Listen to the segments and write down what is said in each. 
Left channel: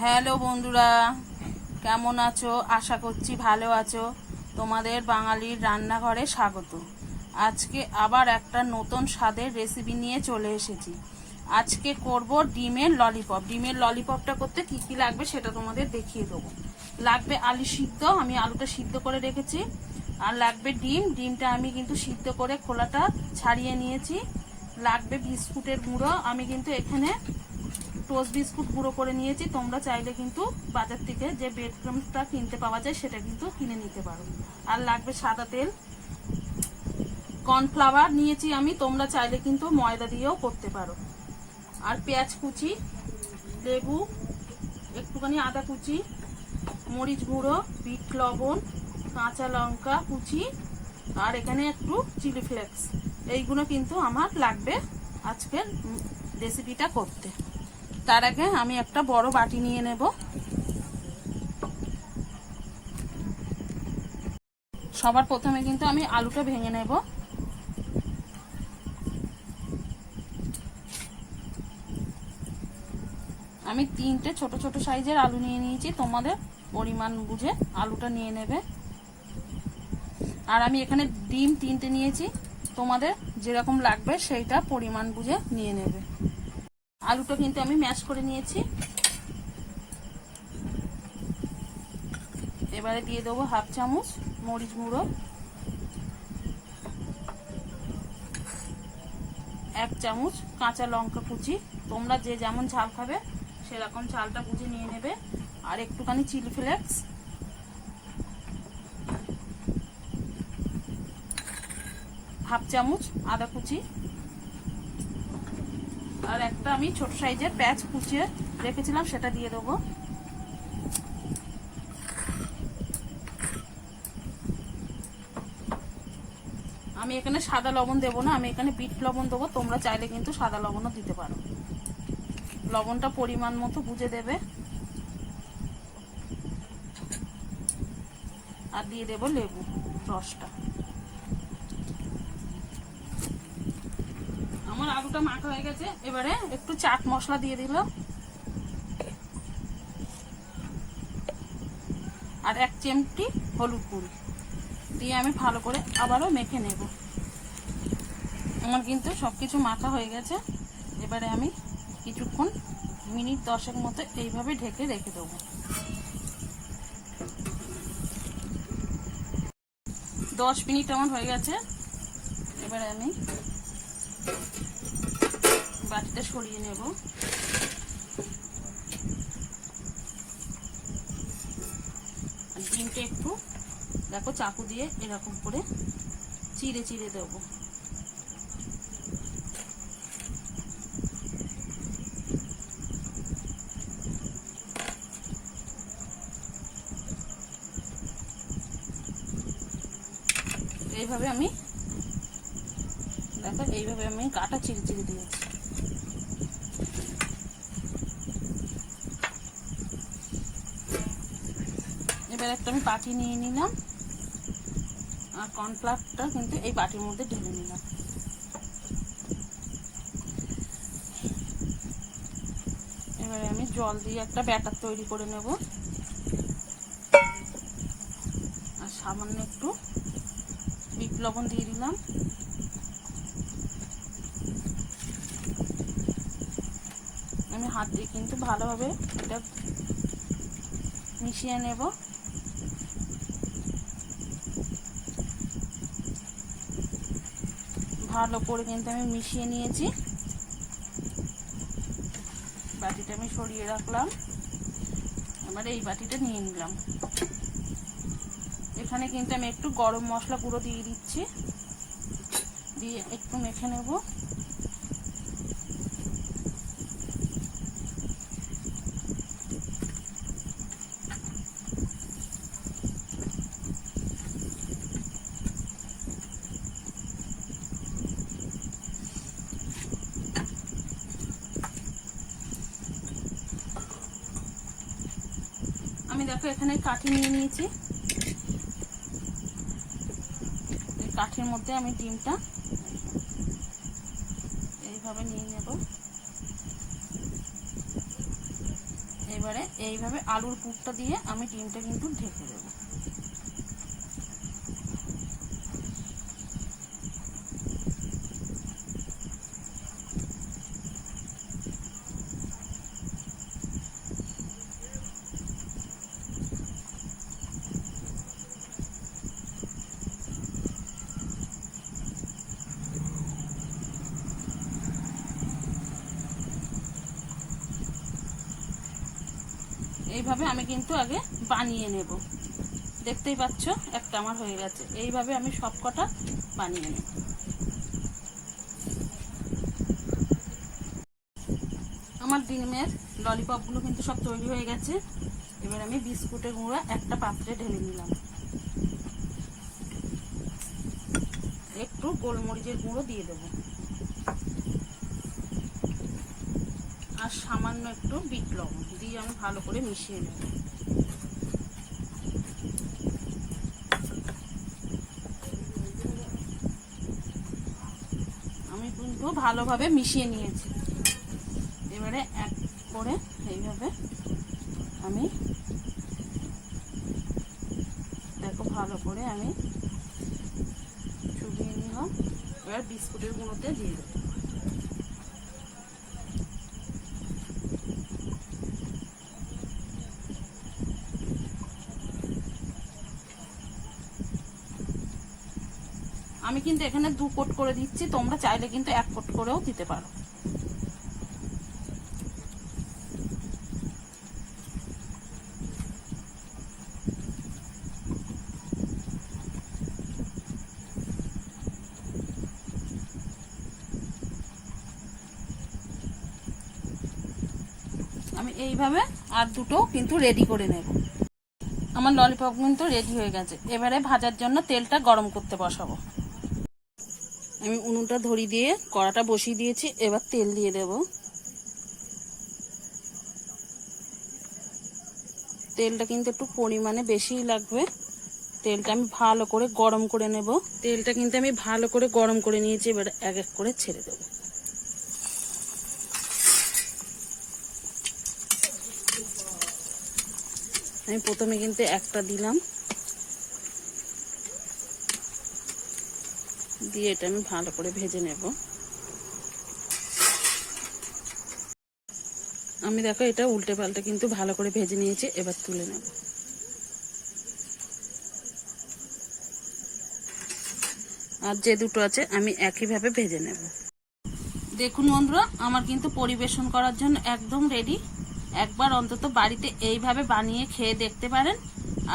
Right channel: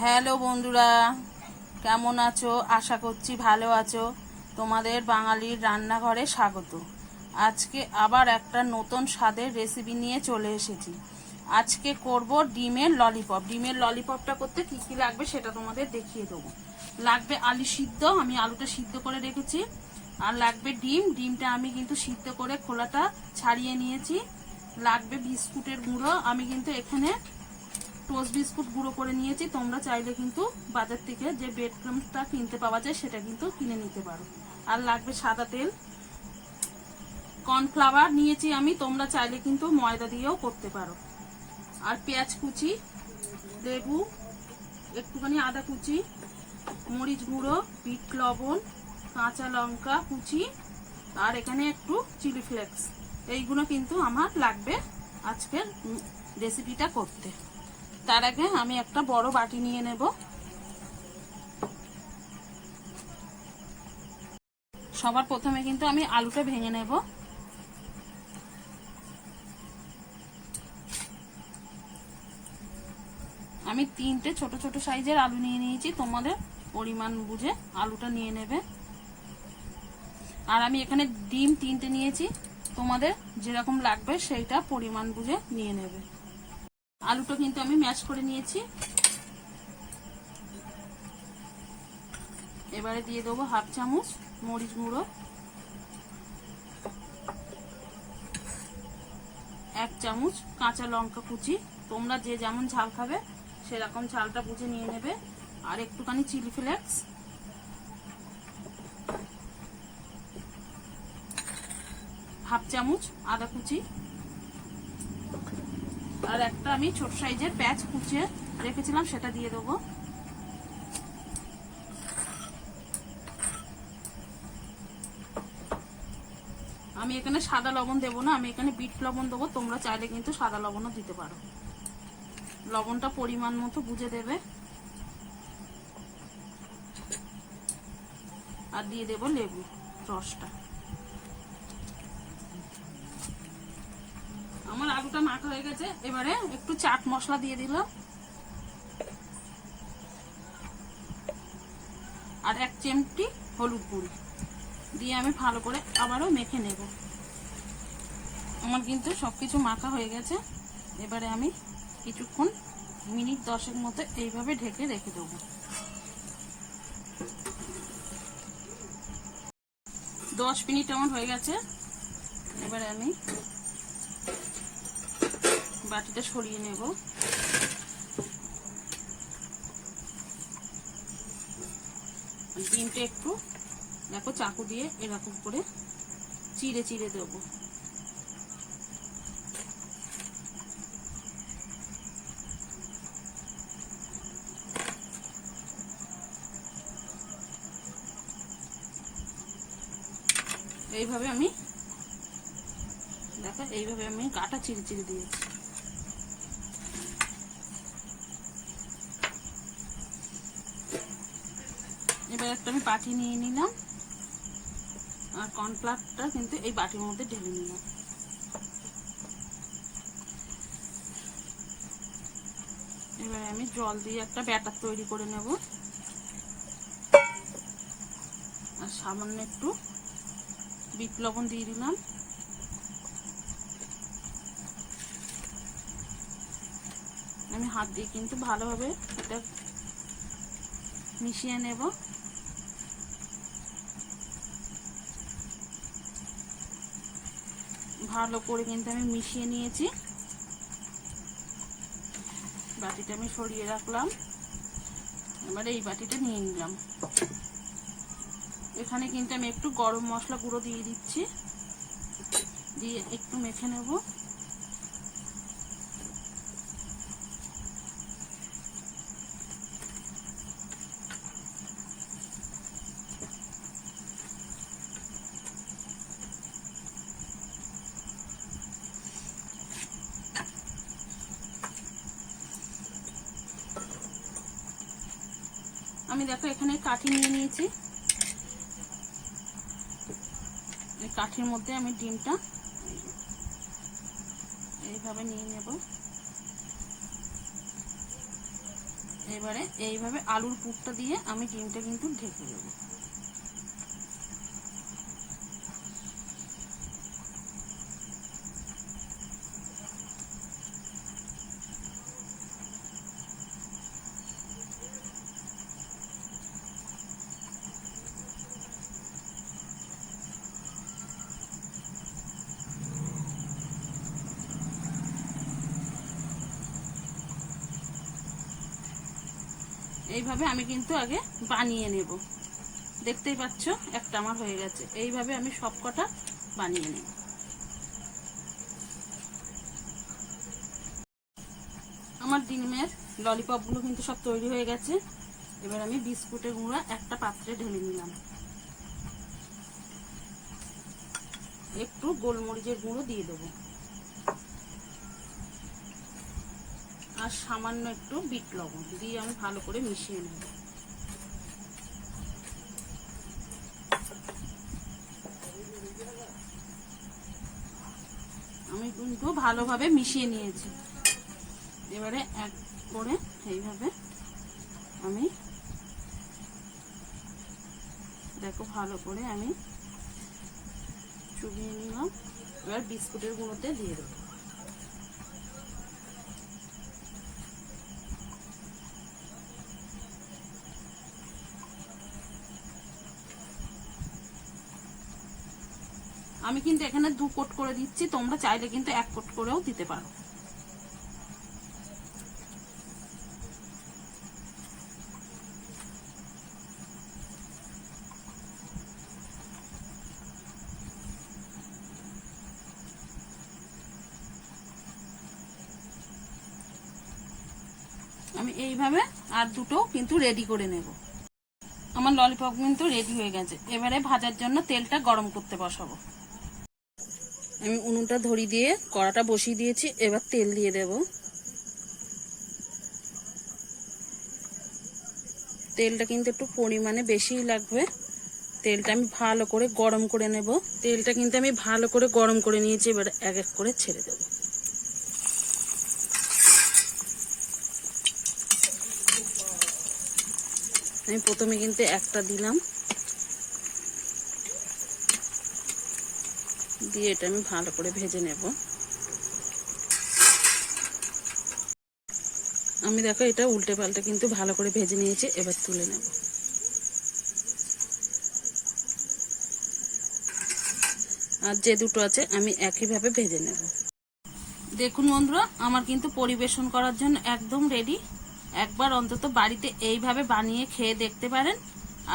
Hello বন্ধুরা, কেমন আছো? আশা করছি ভালো আছো। তোমাদের বাঙালির রান্নাঘরে স্বাগত। আজকে আবার একটা নতুন স্বাদের রেসিপি নিয়ে চলে এসেছি। আজকে করব ডিমের ললিপপ ডিমের ললিপপটা করতে কী কী লাগবে সেটা তোমাদের দেখিয়ে দেবো। লাগবে আলু সিদ্ধ, আমি আলুটা সিদ্ধ করে রেখেছি। আর লাগবে ডিম। ডিমটা আমি কিন্তু সিদ্ধ করে খোলাটা ছাড়িয়ে নিয়েছি। লাগবে বিস্কুটের গুঁড়ো। আমি কিন্তু এখানে টোস্ট বিস্কুট গুঁড়ো করে নিয়েছি, তোমরা চাইলে কিন্তু বাজার থেকে যে ব্রেড ক্রামসটা কিনতে পাওয়া যায় সেটা কিন্তু কিনে নিতে পারো। আর লাগবে সাদা তেল। কর্নফ্লাওয়ার নিয়েছি আমি, তোমরা চাইলে কিন্তু ময়দা দিয়েও করতে পারো। আর পেঁয়াজ কুচি, লেবু, একটুখানি আদা কুচি, মরিচ গুঁড়ো, বিট লবণ, কাঁচা লঙ্কা কুচি, আর এখানে একটু চিলি ফ্লেক্স। এইগুলো কিন্তু আমার লাগবে আজকের রেসিপিটা করতে। তার আগে আমি একটা বড় বাটি নিয়ে নেব। সবার প্রথমে কিন্তু আমি আলুটা ভেঙে নেব। আমি তিনটে ছোট ছোট সাইজের আলু নিয়ে নিয়েছি, তোমাদের পরিমাণ বুঝে আলুটা নিয়ে নেবে। আর আমি এখানে ডিম তিনটে নিয়েছি, তোমাদের যেরকম লাগবে সেইটা পরিমাণ বুঝে নিয়ে নেবে। আলুটা কিন্তু আমি ম্যাশ করে নিয়েছি। এবারে দিয়ে দেবো হাফ চামচ মরিচ গুঁড়ো। এক চামচ কাঁচা লঙ্কা কুচি। তোমরা যে যেমন ঝাল খাবে, সেরকম ঝালটা বুঝে নিয়ে নেবে। আর একটুখানি চিলি ফ্লেক্স। হাফ চামচ আদা কুচি। আর একটা আমি ছোট সাইজের প্যাচ কুচিয়ে রেখেছিলাম, সেটা দিয়ে দেবো। আমি এখানে সাদা লবণ দেবো না, আমি এখানে বিট লবণ দেবো, তোমরা চাইলে কিন্তু সাদা লবণও দিতে পারো। লবণটা পরিমাণ মতো বুঝে দেবে। আর দিয়ে দেবো লেবু, রসটা। আমার আলুটা মাখা হয়ে গেছে। এবারে একটু চাট মশলা দিয়ে দিল আর এক চিমটি হলুদ গুঁড়ো। দিয়ে আমি ভালো করে আবারও মেখে নেব। আমার কিন্তু সব কিছু মাখা হয়ে গেছে। এবারে আমি কিছুক্ষণ, মিনিট দশেক মতো এইভাবে ঢেকে রেখে দেবো। দশ মিনিট আমার হয়ে গেছে। এবারে আমি বাটিটা সরিয়ে নেব। ডিমটা একটু, দেখো চাকু দিয়ে এরকম করে চিড়ে চিড়ে দেবো। এইভাবে আমি, দেখো এইভাবে আমি কাটা চিড়ে চিড়ে দিয়েছি। এবার একটা আমি বাটি নিয়ে নিলাম। আর কর্নফ্লাওয়ারটা কিন্তু এই বাটির মধ্যে ঢেলে নিলাম। এবার আমি জল দিয়ে একটা ব্যাটার তৈরি করে নেব। আর সামান্য একটু বিট লবণ দিয়ে দিলাম। আমি হাত দিয়ে কিন্তু ভালোভাবে এটা মিশিয়ে নেব। ভালো করে কিন্তু আমি মিশিয়ে নিয়েছি। বাটিটা আমি সরিয়ে রাখলাম। এবার এই বাটিটা নিয়ে নিলাম। এখানে কিন্তু আমি একটু গরম মশলা পুরো দিয়ে দিচ্ছি। দিয়ে একটু মেখে নেব। আমি এই এখানে কাঠি নিয়ে নিয়েছি। কাঠির মধ্যে আমি ডিমটা এইভাবে নিয়ে নেব। এবারে এইভাবে আলুর পুরটা দিয়ে আমি ডিমটা কিন্তু ঢেকে দেবো। এইভাবে আমি কিন্তু আগে বানিয়ে নেব। দেখতেই পাচ্ছ, একটা আমার হয়ে গেছে। এইভাবে আমি সব কটা বানিয়ে নেব। আমার ডিমের ললিপপগুলো কিন্তু সব তৈরি হয়ে গেছে। এবার আমি বিস্কুটের গুঁড়া একটা পাত্রে ঢেলে নিলাম। একটু গোলমরিচের গুঁড়ো দিয়ে দেবো। আর সামান্য একটু বিট লবণ দিয়ে আমি ভালো করে মিশিয়ে নেব। আমি কিন্তু ভালোভাবে মিশিয়ে নিয়েছি। এবারে এক করে এইভাবে আমি দেখো ভালো করে আমি চুবিয়ে নিলাম। এবার বিস্কুটের গুঁড়োতে দিয়ে দেবো। আমি কিন্তু এখানে দু কোট করে দিচ্ছি, তোমরা চাইলে কিন্তু এক কোট করেও দিতে পারো। আমি এইভাবে আর দুটো কিন্তু রেডি করে নেব। আমার ললিপপ কিন্তু রেডি হয়ে গেছে। এবারে ভাজার জন্য তেলটা গরম করতে বসাবো। আমি উনুনটা ধরি দিয়ে কড়াটা বসিয়ে দিয়েছি, এবার তেল দিয়ে দেব। তেলটা কিন্তু একটু পরিমাণে বেশিই লাগবে। তেলটা আমি ভালো করে গরম করে নেব। তেলটা কিন্তু আমি ভালো করে গরম করে নিয়েছি, এবার এক এক করে ছেড়ে দেবো। আমি প্রথমে কিন্তু একটা দিলাম। দিয়ে এটা আমি ভালো করে ভেজে নেব। আমি দেখো এটা উল্টে পাল্টে কিন্তু ভালো করে ভেজে নিয়েছি, এবার তুলে নেব। আর যে দুটো আছে আমি একইভাবে ভেজে নেব। দেখুন বন্ধুরা, আমার কিন্তু পরিবেশন করার জন্য একদম রেডি একবার অন্তত বাড়িতে এইভাবে বানিয়ে খেয়ে দেখতে পারেন।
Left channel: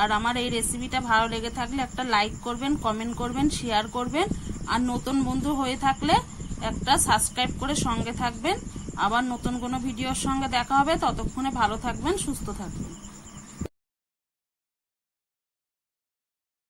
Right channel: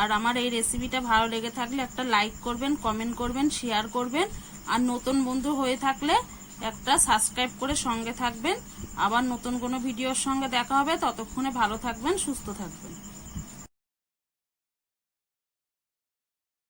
আর আমার এই রেসিপিটা ভালো লেগে থাকলে একটা লাইক করবেন কমেন্ট করবেন শেয়ার করবেন। আর নতুন বন্ধু হয়ে থাকলে একটা সাবস্ক্রাইব করে সঙ্গে থাকবেন। আবার নতুন কোনো ভিডিওর সঙ্গে দেখা হবে। ততক্ষণে ভালো থাকবেন, সুস্থ থাকবেন।